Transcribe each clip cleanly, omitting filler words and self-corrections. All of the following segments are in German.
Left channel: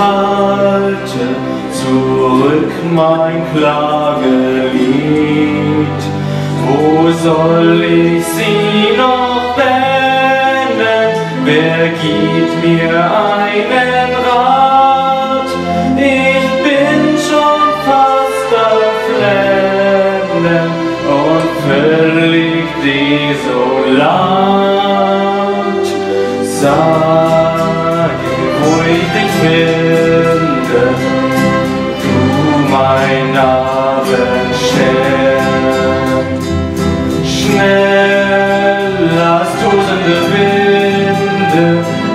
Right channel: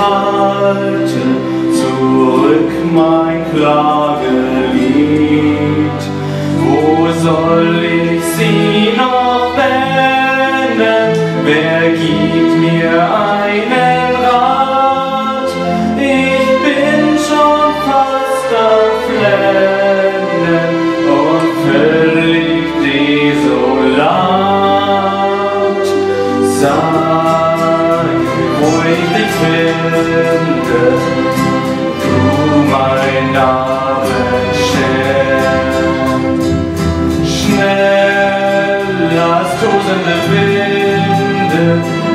halte zurück mein Klagelied. Wo soll ich sie noch wenden? Wer gibt mir einen Rat? Ich bin schon fast am Flennen und völlig desolat. Sag, wo ich dich finde, du mein Abendstern. Schnell als tosende Winde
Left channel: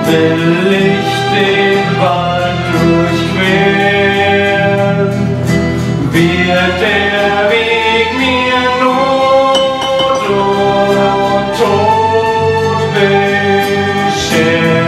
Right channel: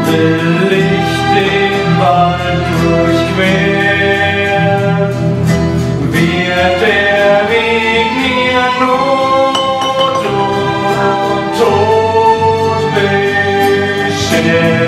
will ich den Wald durchqueren. Wird der Weg mir Not und Tod bescheren.